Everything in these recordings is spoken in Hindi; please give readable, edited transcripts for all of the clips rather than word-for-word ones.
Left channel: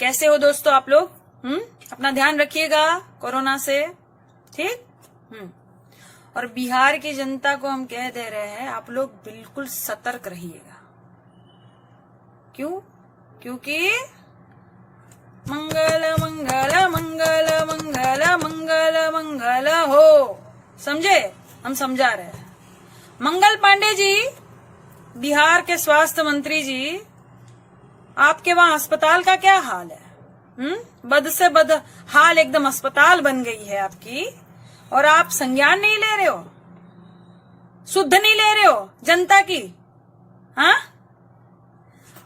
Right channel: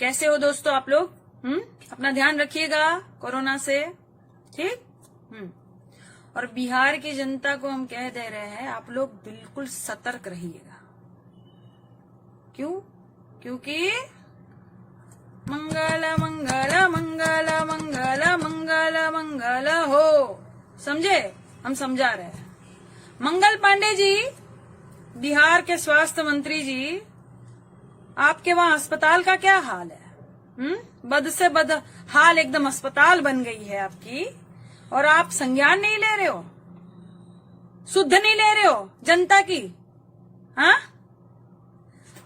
कैसे हो दोस्तों आप लोग? अपना ध्यान रखिएगा कोरोना से, ठीक। और बिहार की जनता को हम कह दे रहे हैं, आप लोग बिल्कुल सतर्क रहिएगा। क्यों? क्योंकि मंगल मंगल मंगल मंगल मंगल मंगल हो, समझे? हम समझा रहे हैं। मंगल पांडे जी, बिहार के स्वास्थ्य मंत्री जी, आपके वहां अस्पताल का क्या हाल है? बद से बद हाल, एकदम अस्पताल बन गई है आपकी, और आप संज्ञान नहीं ले रहे हो, शुद्ध नहीं ले रहे हो जनता की। हाँ,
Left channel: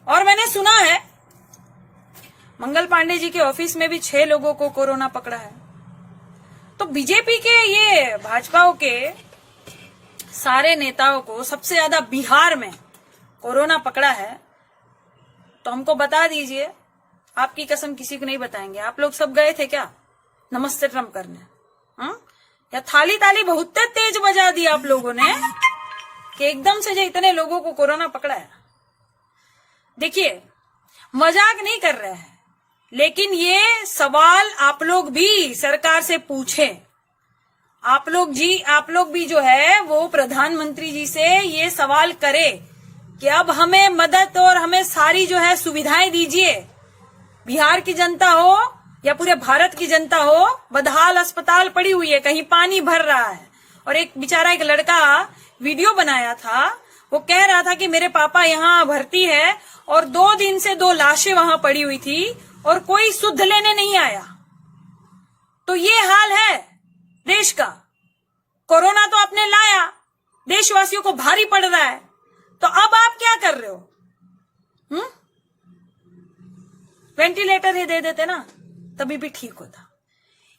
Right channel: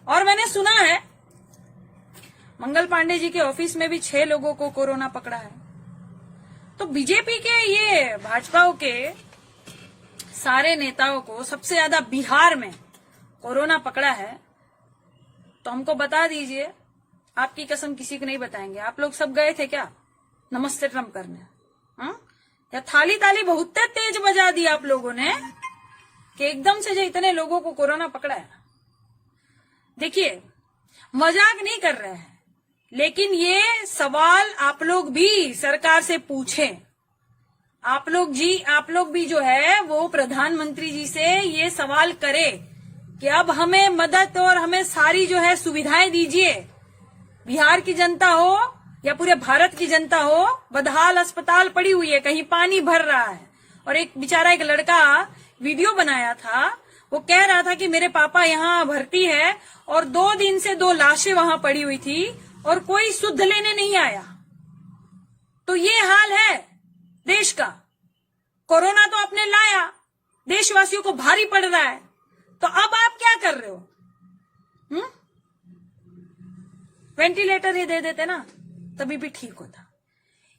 और मैंने सुना है मंगल पांडे जी के ऑफिस में भी 6 लोगों को कोरोना पकड़ा है। तो बीजेपी के, ये भाजपाओं के सारे नेताओं को सबसे ज्यादा बिहार में कोरोना पकड़ा है। तो हमको बता दीजिए, आपकी कसम किसी को नहीं बताएंगे। आप लोग सब गए थे क्या नमस्ते ट्रम्प करने? या थाली ताली बहुत तेज बजा दी आप लोगों ने कि एकदम से जो इतने लोगों को कोरोना पकड़ा है। देखिए, मजाक नहीं कर रहे हैं, लेकिन ये सवाल आप लोग भी सरकार से पूछें। आप लोग भी जो है वो प्रधानमंत्री जी से ये सवाल करें कि अब हमें मदद और हमें सारी जो है सुविधाएं दीजिए। बिहार की जनता हो या पूरे भारत की जनता हो, बदहाल अस्पताल पड़ी हुई है, कहीं पानी भर रहा है। और एक लड़का वीडियो बनाया था, वो कह रहा था कि मेरे पापा यहाँ भर्ती है और 2 दिन से 2 लाशें वहां पड़ी हुई थी और कोई शुद्ध लेने नहीं आया। तो ये हाल है देश का। कोरोना तो आपने लाया, देशवासियों को भारी पड़ रहा है, तो अब आप क्या कर रहे हो? वेंटिलेटर ही दे देते ना, तभी भी ठीक होता।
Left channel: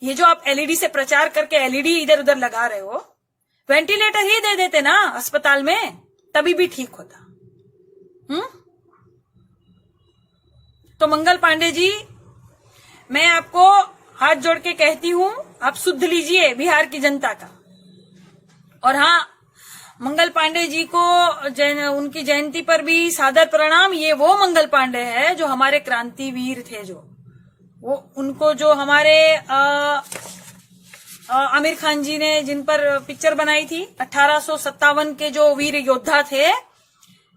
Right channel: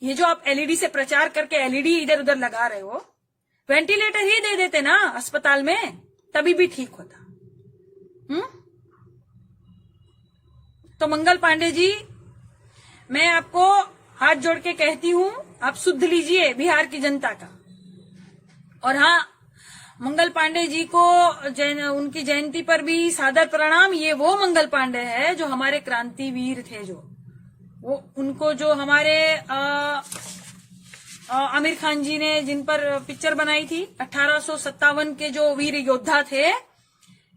ये जो आप एलईडी से प्रचार करके एलईडी इधर उधर लगा रहे हो, वेंटिलेटर ही दे देते ना अस्पताल में, तभी भी ठीक होता। तो मंगल पांडे जी, मैं आपको हाथ जोड़ के कहती हूं, आप शुद्ध लीजिए बिहार की जनता का। और हाँ, मंगल पांडे जी को उनकी जयंती पर भी सादर प्रणाम। ये वो मंगल पांडे है जो हमारे क्रांतिवीर थे, उनको जो हमारे आमिर खान जी ने जिन पर पिक्चर बनाई थी, 1857 के जो वीर योद्धा थे,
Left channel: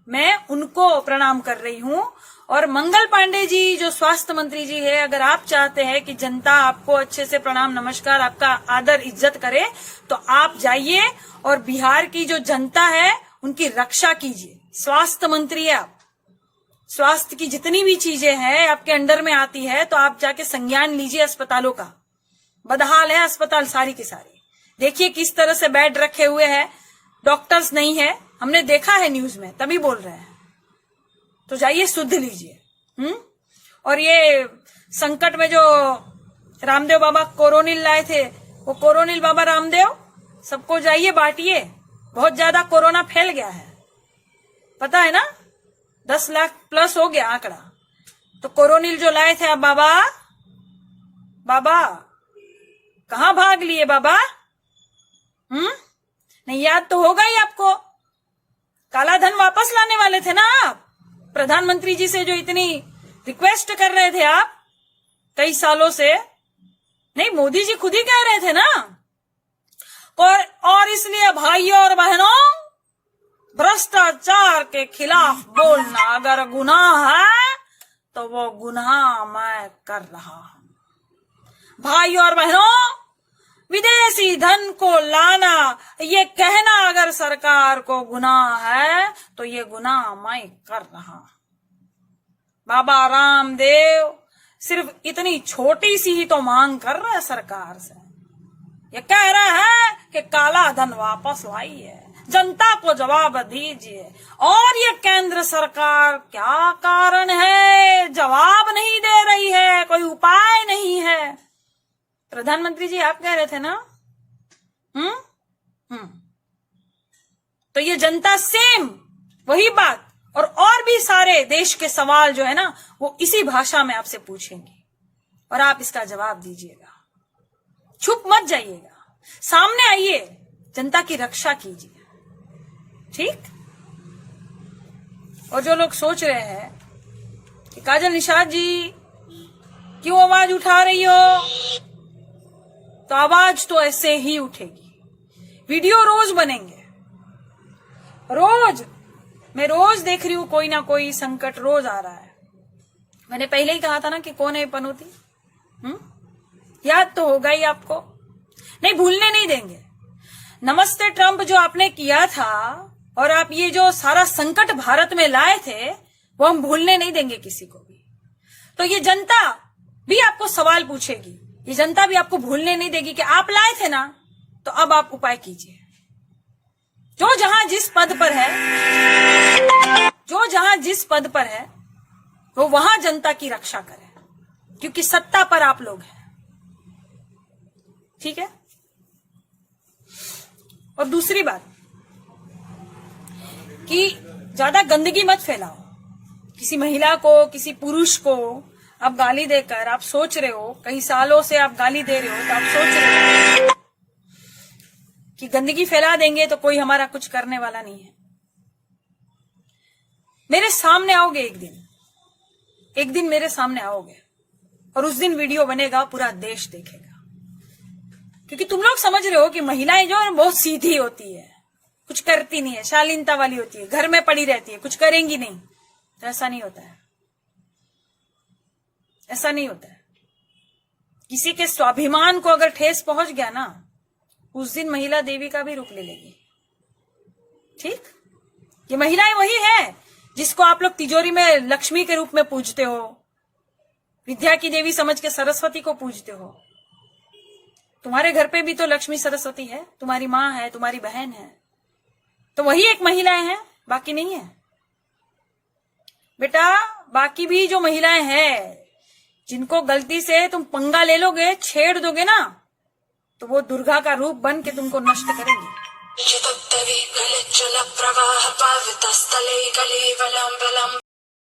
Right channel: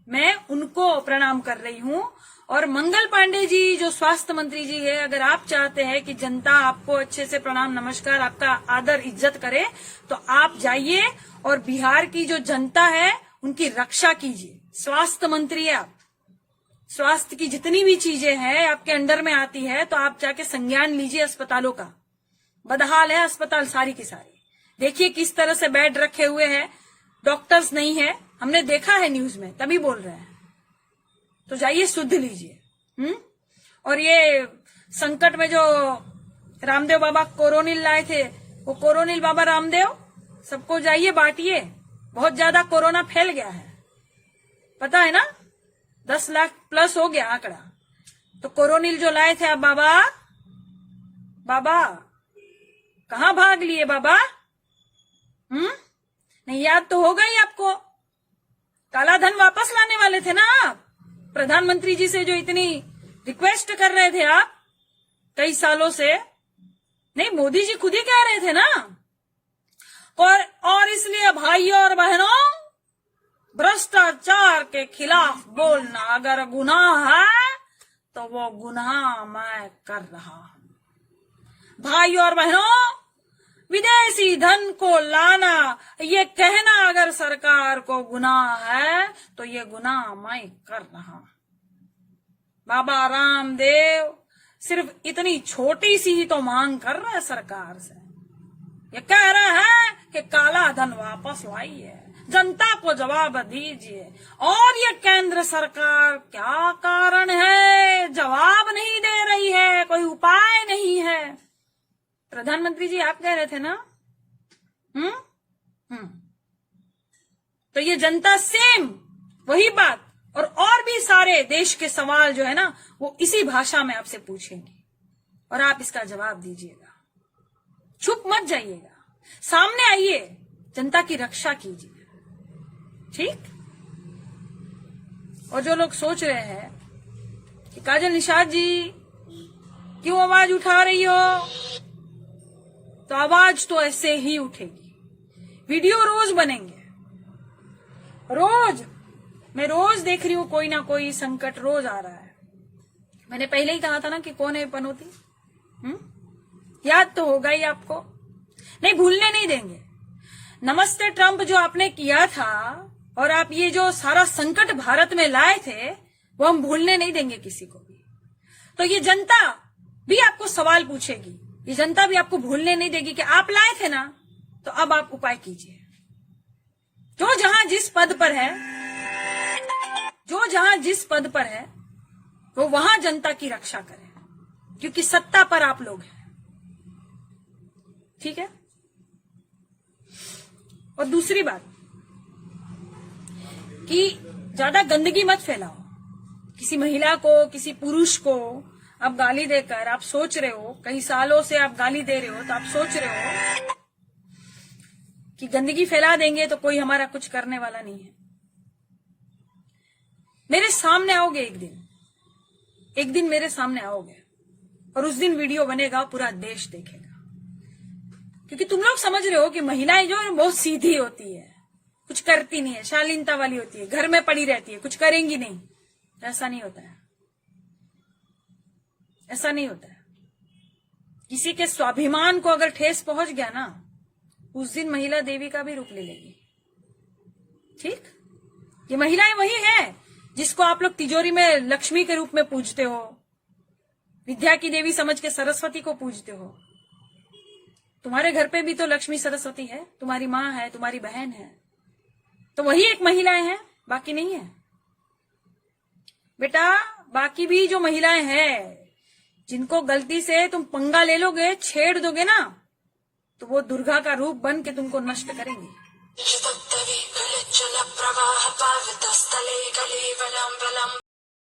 मैं उनको प्रणाम कर रही हूं। और मंगल पांडे जी जो स्वास्थ्य मंत्री जी है, अगर आप चाहते हैं कि जनता आपको अच्छे से प्रणाम नमस्कार, आपका आदर इज्जत करे, तो आप जाइए और बिहार की जो जनता है उनकी रक्षा कीजिए। स्वास्थ्य मंत्री है आप, स्वास्थ्य की जितनी भी चीजें हैं आपके अंडर में आती है, तो आप जाके संज्ञान लीजिए अस्पतालों का। बदहाल है अस्पताल सारी की सारी। देखिए किस तरह से बेड रखे हुए हैं, डॉक्टर्स नहीं है, हमने देखा है न्यूज में, तभी बोल रहे हैं। तो जाइए शुद्ध लीजिए। और ये संकट में जो रामदेव बाबा कोरोनिल लाए थे, वो कोरोनिल बाबा रामदेव सबको जाइए बांटिए। बहुत ज्यादा कोरोना फैल गया है, पता है ना, 10 लाख प्लस हो गया आंकड़ा। तो कोरोनिल जो लाए थे, अब बाबा कहाँ भाग लिए बाबा? नहीं याद तो होगा ही आपको, काला धन वापस लाने वाले थे ना आप, प्रधानमंत्री जी से जो इतनी रिक्वेस्ट कर रहे थे आप कई सालों से। नहीं, मोदी जी खुद ही कह रहे थे ना। और इसलिए भाइयों और बहनों, भ्रष्टाचार के खिलाफ बोलना अगर गुनाह है तो वो गुनाह मैं कर रहा हूं। भाइयों और बहनों, विदेशी धन को लाना, ये कहना अगर सरकार को गुनाह है तो ये गुनाह मैं कर रहा हूं। बाबा रामदेव सिर्फ इतनी छोटी सी ही तो मांग कर रहा है सरकार से। ये कह रहा है कि काला धन वापस लाइए, जनता को जवाब दीजिए। और ये केंद्र सरकार क्या कारण है जवाब नहीं दे रही है, कोई उपाय नहीं है। प्रधानमंत्री जी आप कह रहे थे ना। तो ये जनता सेम वही बात और भी सारे देश के सवाल जो है ना, वो इसी भाषा में आपसे पूछेंगे और आप इसका जवाब दीजिएगा। छुप मत जाइएगा, सामने आइए, जनता की रक्षा कीजिए, ठीक। और जो लोग सोच रहे हैं कि काजल निषाद जी क्यों आवाज उठा रही हो? तो आवाज तो ऐसे ही उठेगी। वीडियो रोज बनेंगे, रोज। मैं रोज देख रही हूं कोई ना कोई संकट रोज आ रहा है। मैंने पहले ही कहा था ना कि कौन है पनौती। याद तो होगा ही आपको। नहीं, भूलने नहीं देंगे। नमस्ते ट्रंप जो आपने किया था और आप ये जो सारा संकट भारत में लाए थे, वो हम भूलने नहीं देंगे किसी को भी। तो ये जनता भी आपको सवाल पूछेगी, ये जनता भी आपको भूलने नहीं देगी कि आप लाए थे ना, तो अब आप उपाय कीजिए। जो जहां जिस पद पर है, जो जहां जिस पद पर है, वो वहां जनता की रक्षा करे, क्योंकि सत्ता पर आप लोग हैं। ठीक है। और दूसरी बात कि ज्यादा गंदगी मत फैलाओ। किसी महिला को, किसी पुरुष को आप गाली देकर आप सोच रहे हो, कई सालों से आप गाली दे रहे हो, तो आप सोच रहे हो कि गंदगी फैला देंगे तो कोई हमारा कुछ करने वाला नहीं है। मेरे सामने आओगे एक दिन मेरे सामने आओगे, और उस दिन वीडियो बनेगा, पूरा देश देखेगा। क्योंकि तुम लोग समझ रहे हो कि महिलाएं जो है बहुत सीधी होती है, कुछ करती नहीं है, शालीनता वाली होती है, घर में पड़ी रहती है, कुछ करेंगी नहीं। तो ऐसा नहीं होता है, ऐसा नहीं होता है। किसी के स्वाभिमान को अगर ठेस पहुंच गया ना, उस दिन महिला देवी का भी रूप ले लेगी। ठीक। ये महिलाएं वही है जिसको आप लोग तिजोरी में लक्ष्मी के रूप में पूजते हो, विद्या की देवी समझ के सरस्वती को पूजते हो। तुम्हारे घर पे भी तो लक्ष्मी सरस्वती है, तुम्हारी माँ है, तुम्हारी बहन है, तो वही एक महिलाएं हैं, बाकी नहीं है बेटा। बाकी भी जो महिलाएं हैं, जिनको गलती से तुम पंगा ले लोगे, छेड़ दोगे ना, तो वो दुर्गा का रूप बन के तुमको नष्ट करेंगी।